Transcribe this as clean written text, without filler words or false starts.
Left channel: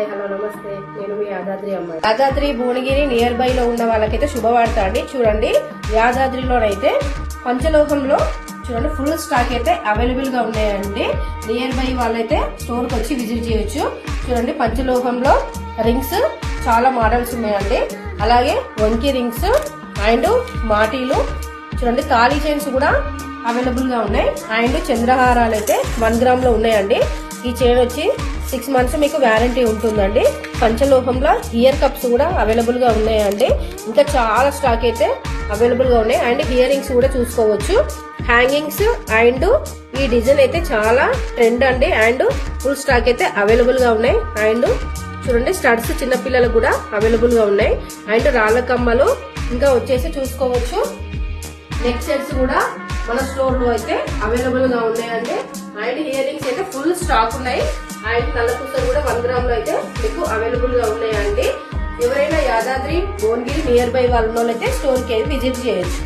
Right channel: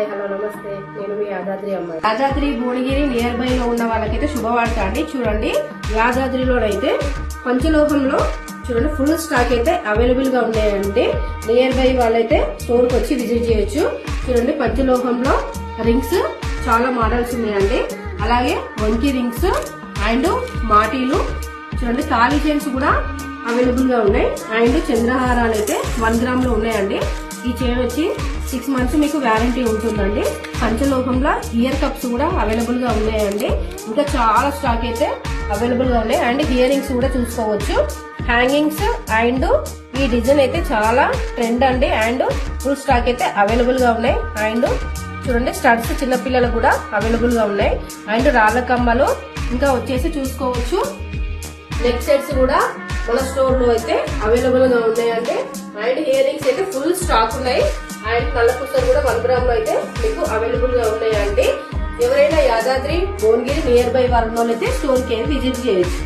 Hi hello నమస్తే, నేను మీ యాదాద్రి అమ్మాయి. యాదాద్రి భువనగిరి నియర్ బై లో ఉన్న వాళ్ళకైతే శుభవార్త అండి. చూడండి, యాదాద్రిలోనైతే పంచలోహంలో చూడండి ఫుల్ స్టాక్ అయితే అవైలబుల్ గా ఉన్నాయండి. నియర్ బై వాళ్ళైతే స్టోర్ కి వచ్చి విజిట్ చేయొచ్చు. చూడండి, పంచలోహంలో రింగ్స్ చాలా మోడల్స్ ఉన్నాయండి. అలాగే వంకీ రింగ్స్ అండ్ మాటీలు, చూడండి తాళీ చైన్స్ కూడా అవైలబుల్ గా ఉన్నాయి. అండ్ చంద్రహారాలు అయితే 1 గ్రామ్ లో ఉన్నాయండి. ఈ చైన్ వచ్చి 6 మంత్స్ మీకు వ్యారంటీ ఉంటుందండి. పంచలోహంలో ఇయర్ కప్స్ కూడా అవైలబుల్ గా ఉన్నాయండి. ఇంకా చాలా స్టాక్ అయితే అవైలబుల్ గా ఉన్నాయి. అండ్ ఇయర్ రింగ్స్ కూడా చూసుకోవచ్చు. హ్యాంగింగ్స్ అండ్ ఈ డిజైన్ అయితే చాలా ట్రెండ్ అండి. అండ్ ఫుల్ స్టాక్ అయితే అవైలబుల్ గా ఉన్నాయి. అండ్ చూడండి, స్టడ్స్ చిన్నపిల్లలకు కూడా అవైలబుల్ గా ఉన్నాయి. అండ్ రాళ్ల కమ్మలు ఇంకా వచ్చేసి చూసుకోవచ్చు. నెక్ సెట్స్ కూడా మన స్టోర్ లో అయితే అవైలబుల్ గా ఉన్నాయండి. అండ్ ఇయర్ రింగ్స్ అయితే ఫుల్ స్టాక్ ఉన్నాయి. అండ్ నల్ల పూసలు కూడా 1 గ్రామ్ లో అయితే మీకు అవైలబుల్ గా ఉన్నాయండి. ఎవరైనా యాదాద్రి భువనగిరి నియర్ బై వాళ్ళైతే స్టోర్ కి విజిట్ చేయొచ్చు.